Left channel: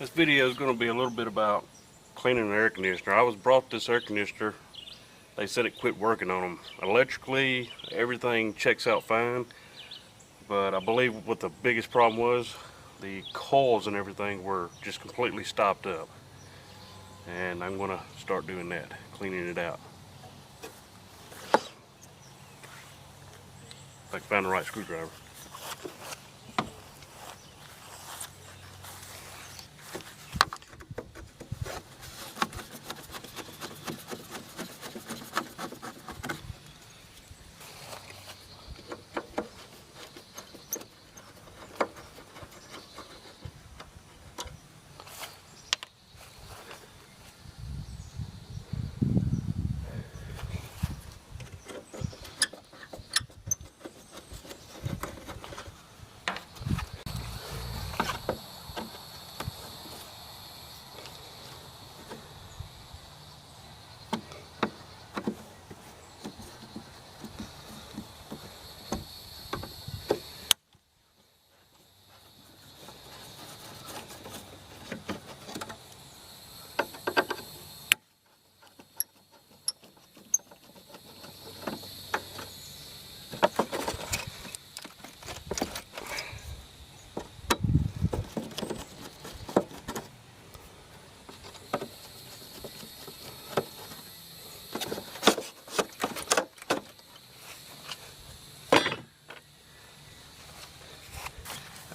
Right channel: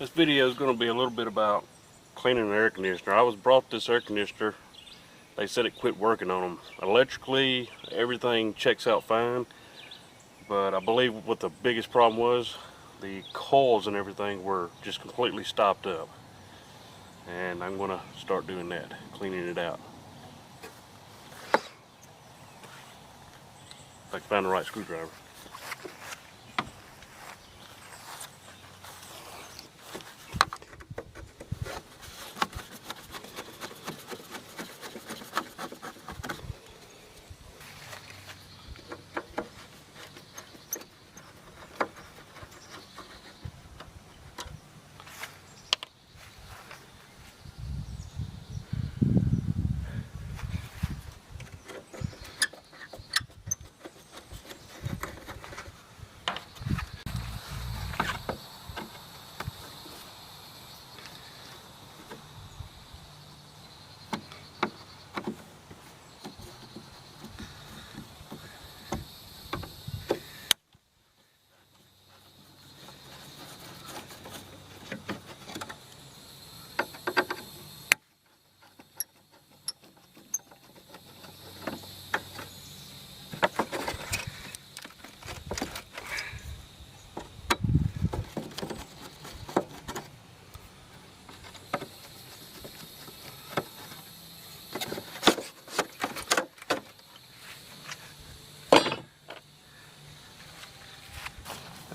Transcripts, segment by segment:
This video is going to be a little bit about cleaning an air conditioner. I was brought this air conditioner. They said it quit working on them. Electrically, everything checks out fine, but I believe what the biggest problem was, the coils and everything were just completely stopped up. And I'm going to start doing that, cleaning it out. If I can find the right screwdriver.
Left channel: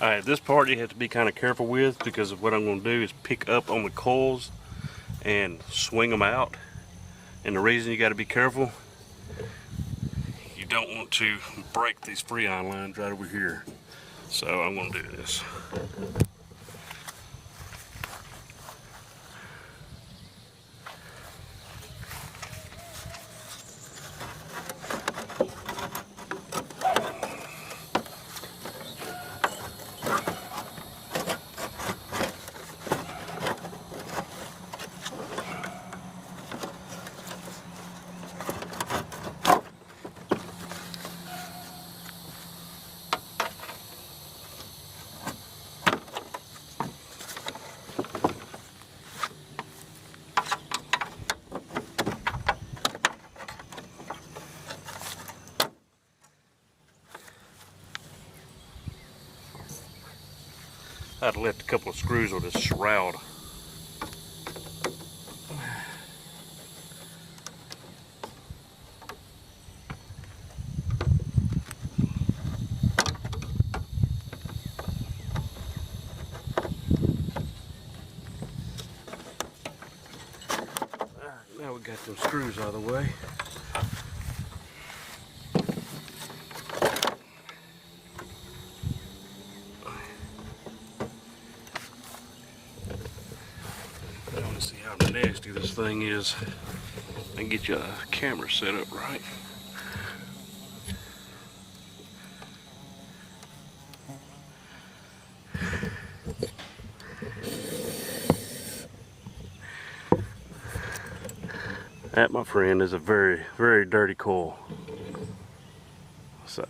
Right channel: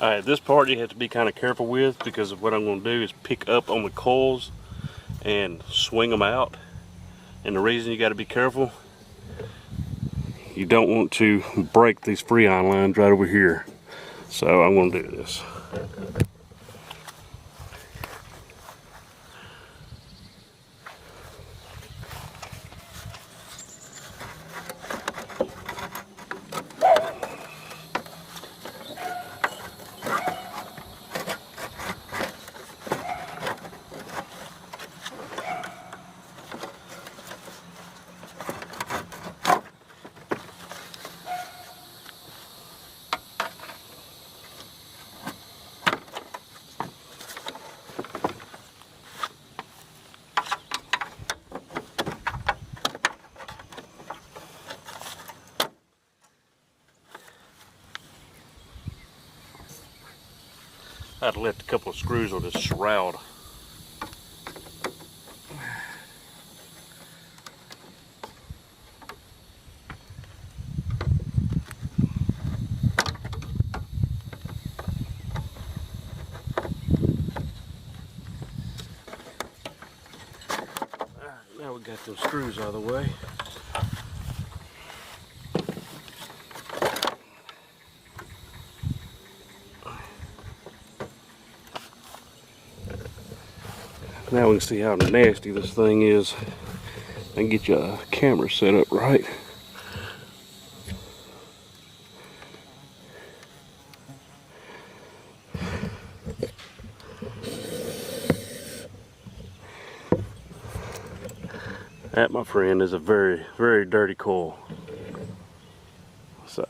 Alright, this part you have to be kind of careful with, because of what I'm going to do is pick up on the coils and swing them out. And the reason you got to be careful, you don't want to break these freon lines right over here. So I'm going to do this. I'd left a couple of screws on this shroud. Now we got those screws out of the way. Now we can see how nasty this thing is. I can get you a camera set up right. That, my friend, is a very, very dirty coil. So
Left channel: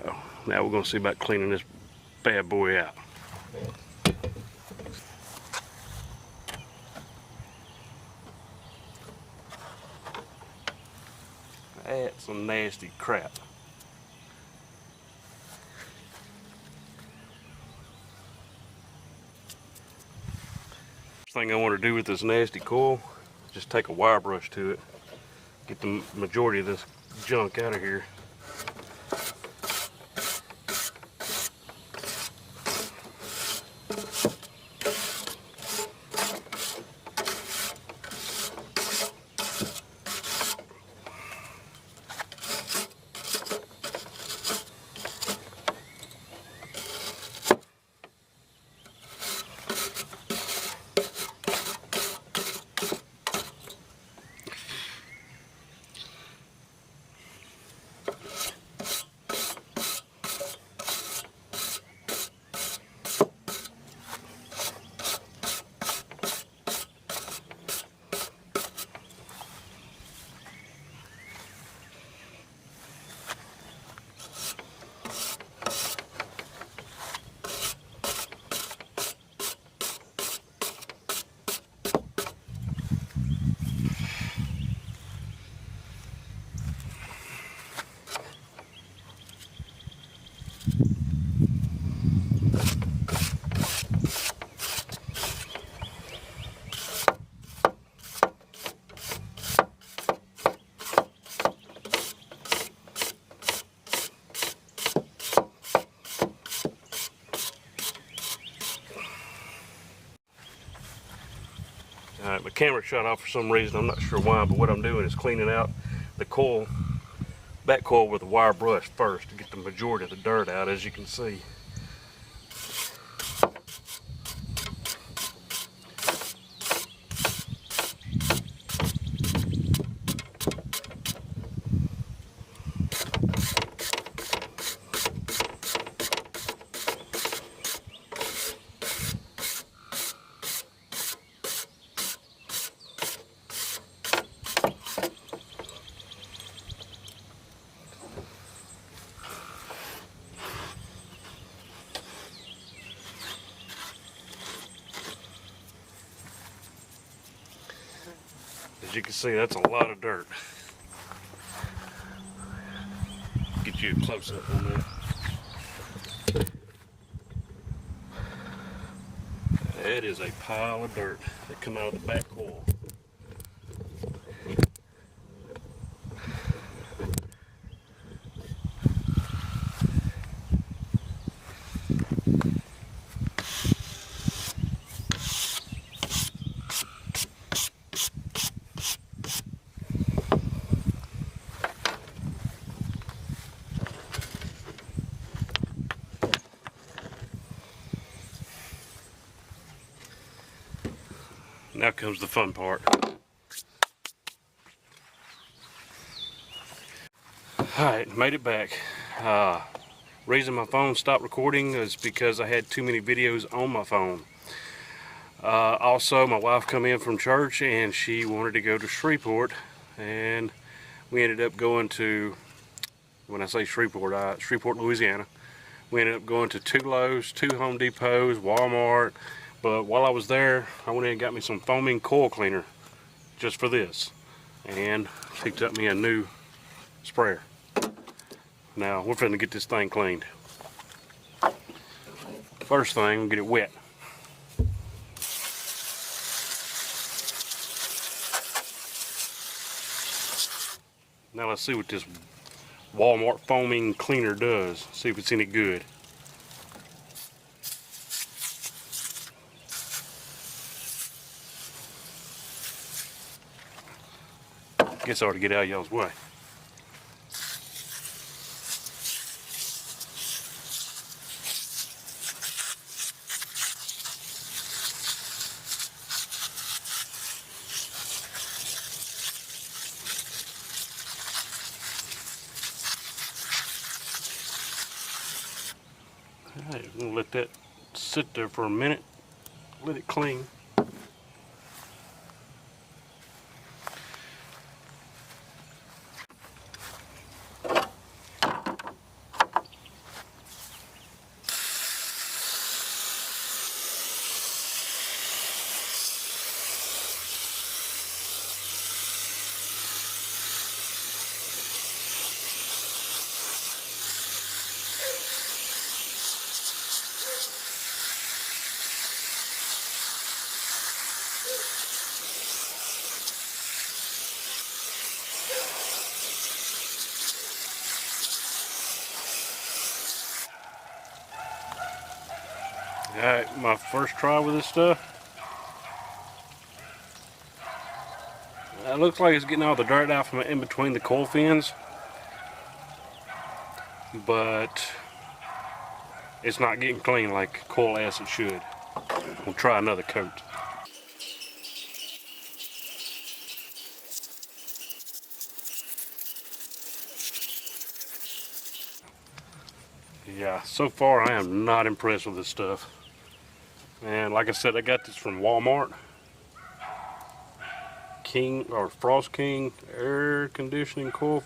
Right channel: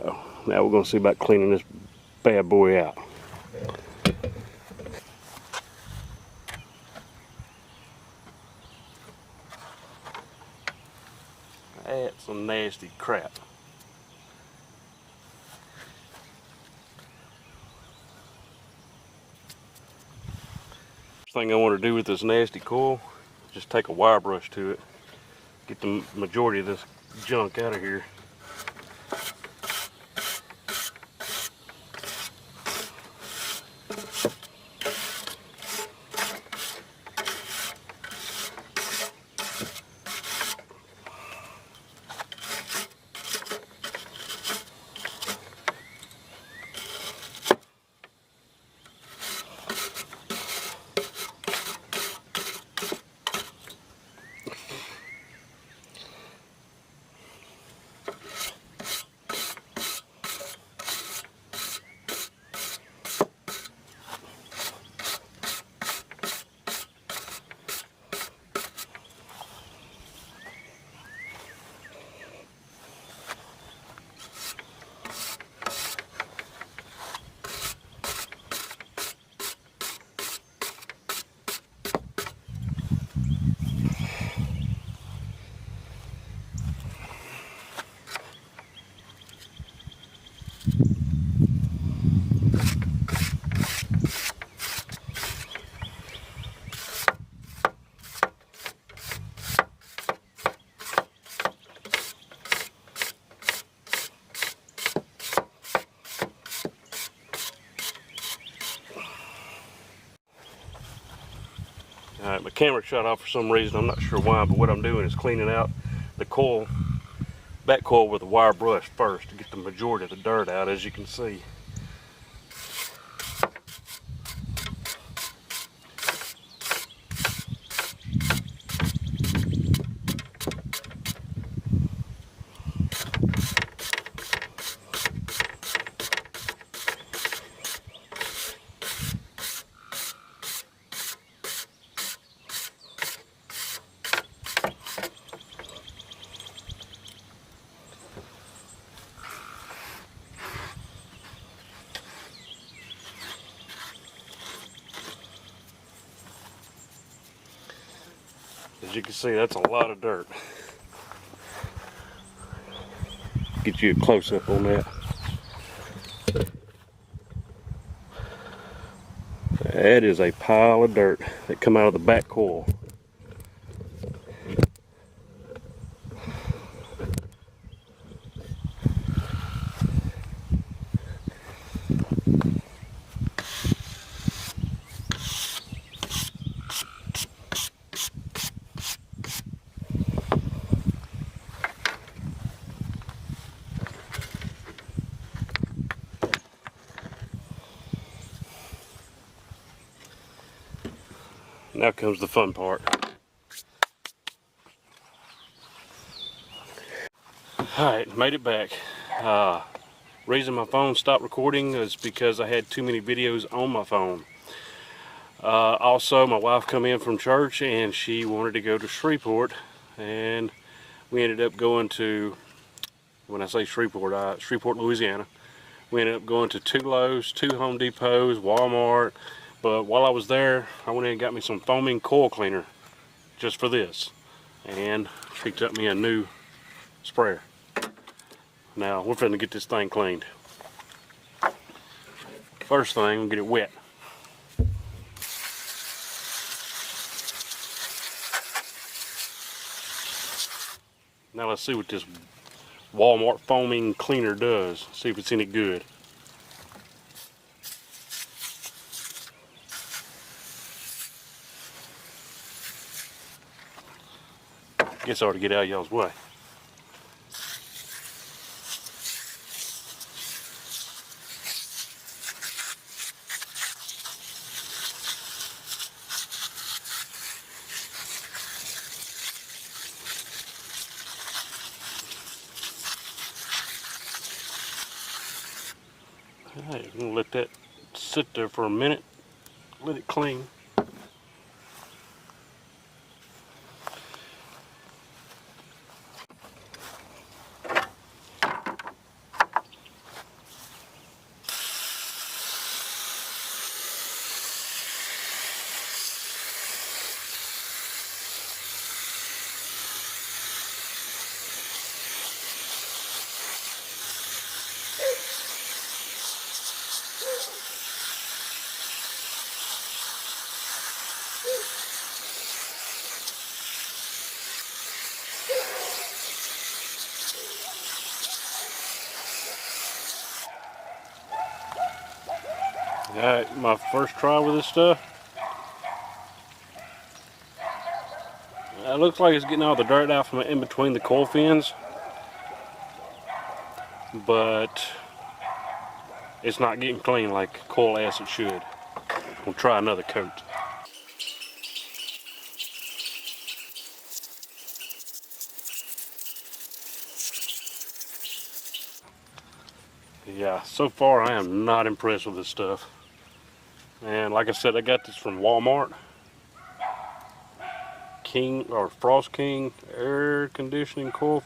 now we're going to see about cleaning this bad boy out. That's some nasty crap. First thing I want to do with this nasty coil, just take a wire brush to it, get the majority of this junk out of here. Alright, my camera shut off for some reason, I'm not sure why, but what I'm doing is cleaning out the coil, back coil with a wire brush first to get the majority of the dirt out, as you can see. As you can see, that's a lot of dirt. Get you a close-up on that. That is a pile of dirt that come out of the back coil. Now comes the fun part. Alright, made it back. Reason my phone stopped recording is because I had too many videos on my phone. Also, my wife come in from church and she wanted to go to Shreveport, and we ended up going to, when I say Shreveport, Shreveport, Louisiana. We ended up going to 2 Lowe's, 2 Home Depots, Walmart, but while I was there, I went in and got me some foaming coil cleaner just for this, and picked up me a new sprayer. Now, we're finna get this thing cleaned. First thing, we'll get it wet. Now let's see what this Walmart foaming cleaner does. See if it's any good. Guess I ought to get out of y'all's way. Alright, I'm gonna let that sit there for a minute. Let it clean. Alright, my first try with this stuff. It looks like it's getting all the dirt out from in between the coil fins, but it's not getting clean like coil acid should. We'll try another coat. Yeah, so far I am not impressed with this stuff. And like I said, I got this from Walmart. King or Frost King air conditioning coil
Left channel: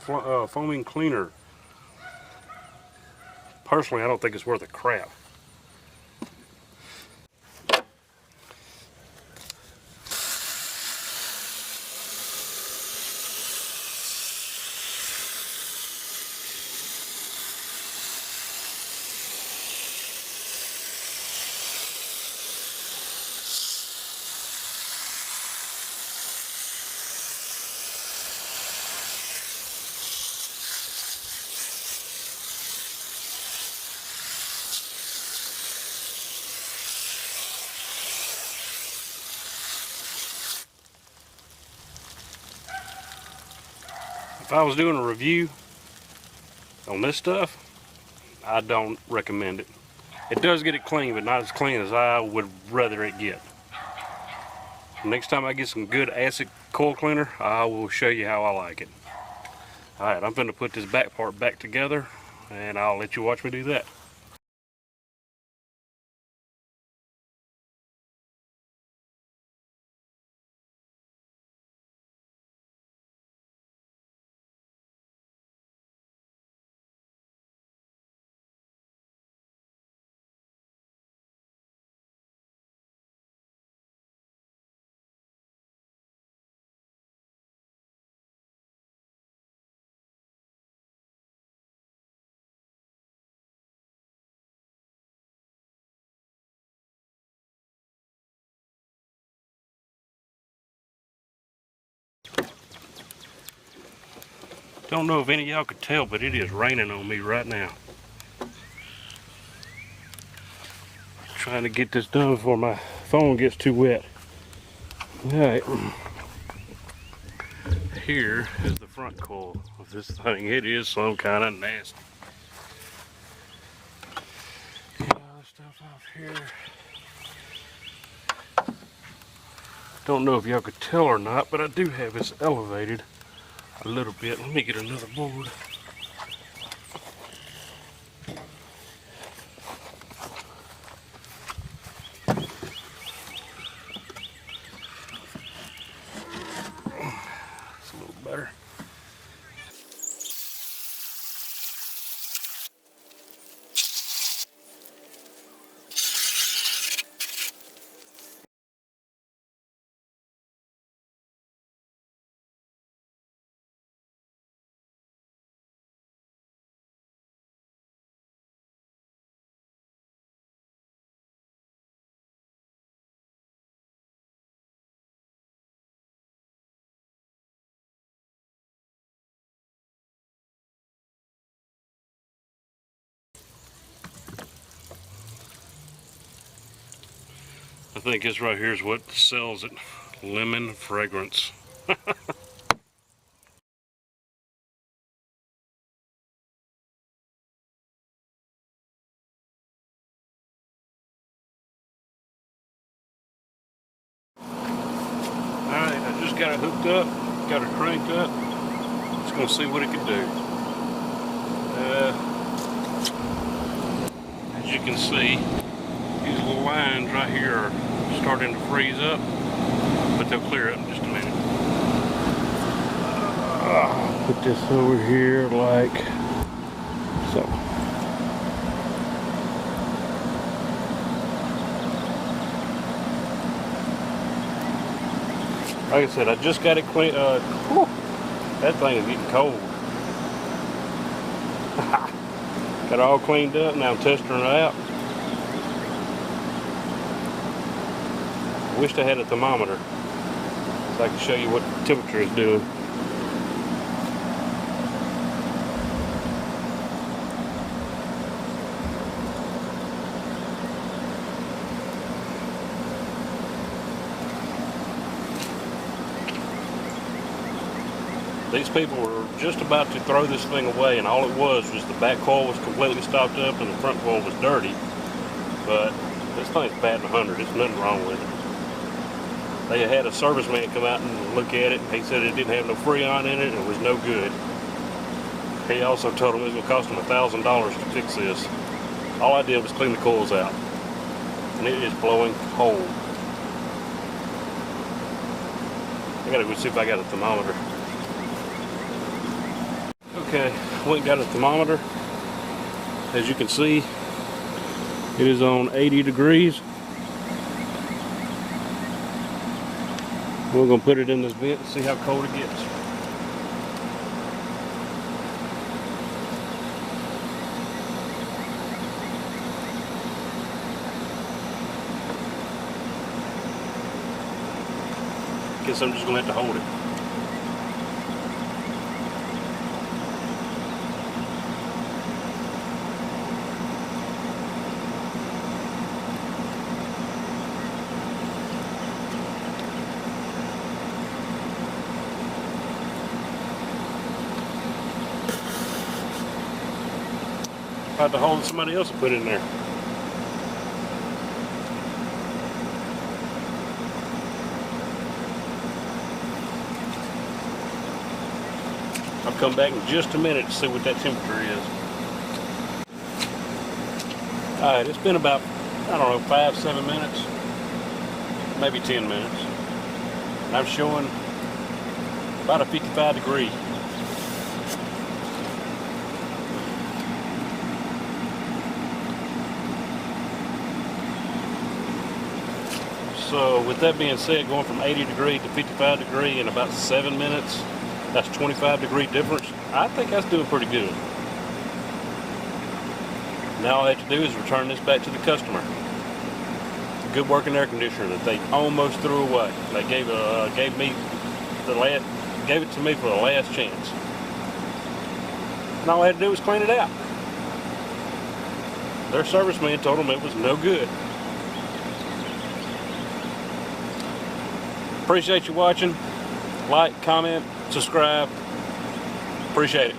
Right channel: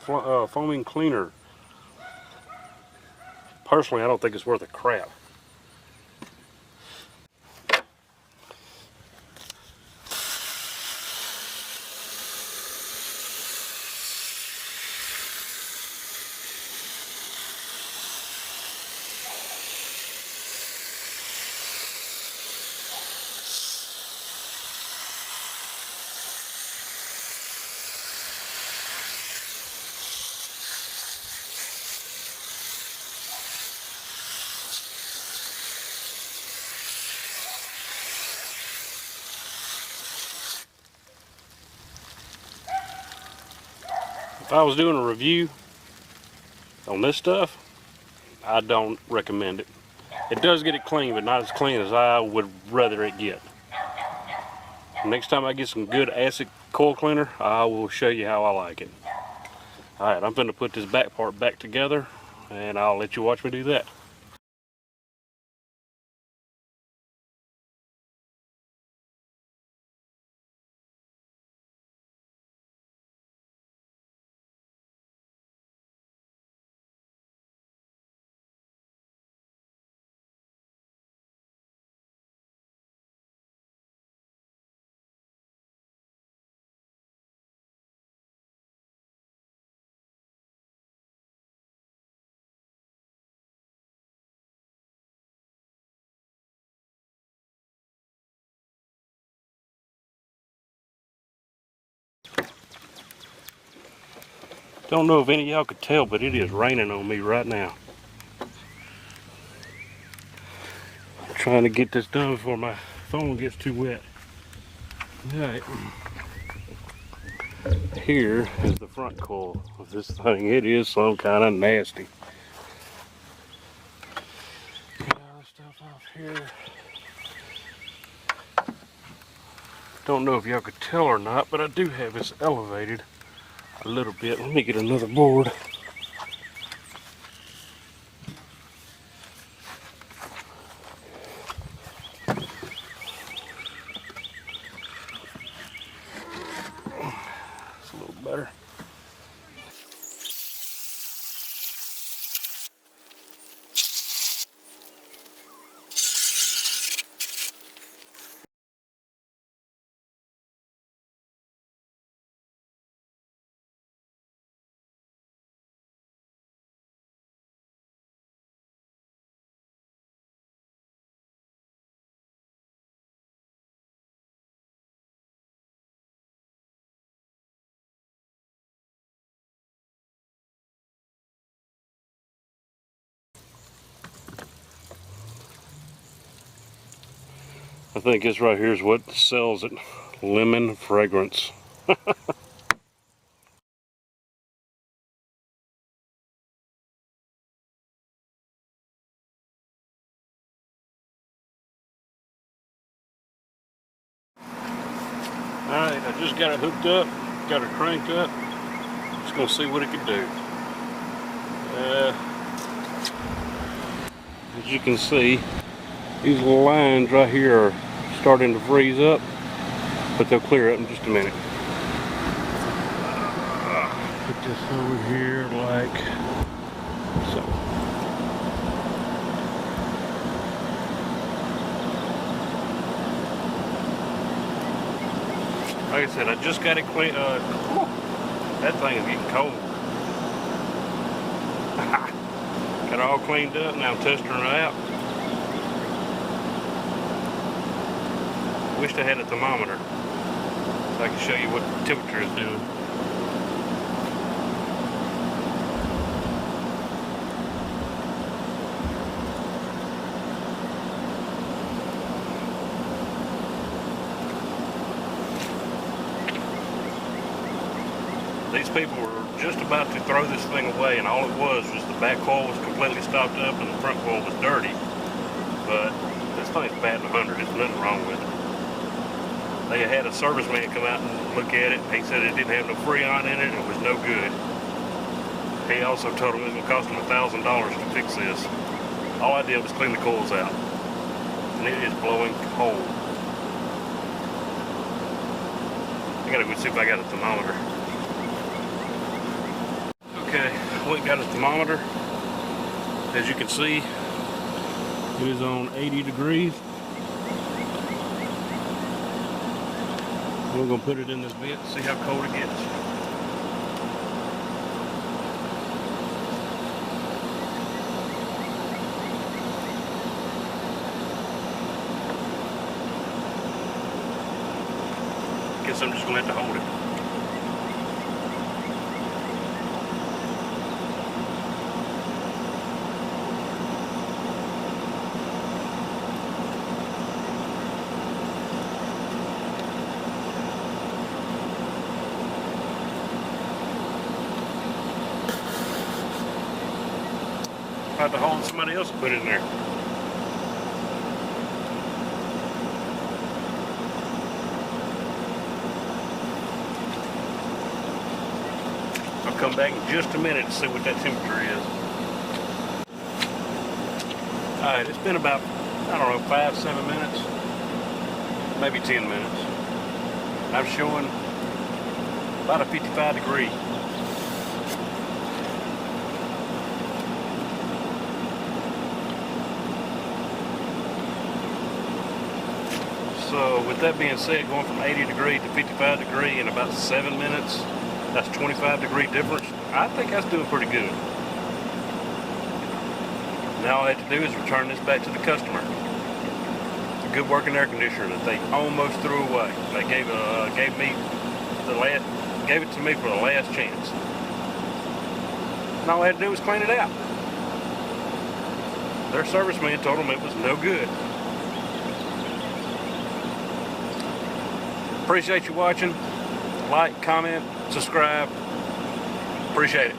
foaming cleaner. Personally, I don't think it's worth a crap. If I was doing a review on this stuff, I don't recommend it. It does get it clean, but not as clean as I would rather it get. Next time I get some good acid coil cleaner, I will show you how I like it. Alright, I'm going to put this back part back together, and I'll let you watch me do that. Don't know if any of y'all could tell, but it is raining on me right now. I'm trying to get this done before my phone gets too wet. Alright. Here is the front coil of this thing. It is some kind of nasty. Get all this stuff off here. Don't know if y'all could tell or not, but I do have this elevated a little bit. Let me get another board. It's a little better. I think this right here is what sells it. Lemon fragrance. Alright, I just got it hooked up, got it cranked up. Just gonna see what it can do. As you can see, these little lines right here are starting to freeze up, but they'll clear up in just a minute. Put this over here like so. Like I said, I just got it clean. That thing is getting cold. Got it all cleaned up. Now I'm testing her out. Wished I had a thermometer so I can show you what the temperature is doing. These people were just about to throw this thing away, and all it was the back coil was completely stopped up and the front coil was dirty. But this thing's batting 100. There's nothing wrong with it. They had a serviceman come out and look at it. He said it didn't have no Freon in it. It was no good. He also told him it was going to cost him $1,000 to fix this. All I did was clean the coils out, and it is blowing cold. I gotta go see if I got a thermometer. Okay, went and got a thermometer. As you can see, it is on 80 degrees. We're going to put it in this bit and see how cold it gets. Guess I'm just going to have to hold it. out the hole that somebody else put in there. I'll come back in just a minute to see what that temperature is. Alright, it's been about, I don't know, 5-7 minutes, maybe 10 minutes. I'm showing about a 55 degree. So with that being said, going from 80 degree to 55 degree in about 7 minutes, that's 25 degree difference. I think that's doing pretty good. Now all I have to do is return this back to the customer. It's a good working air conditioner that they almost threw away. They gave it to me for the last chance. And all I had to do was clean it out. Their serviceman told them it was no good. Appreciate you watching. Like, comment, subscribe. Appreciate it.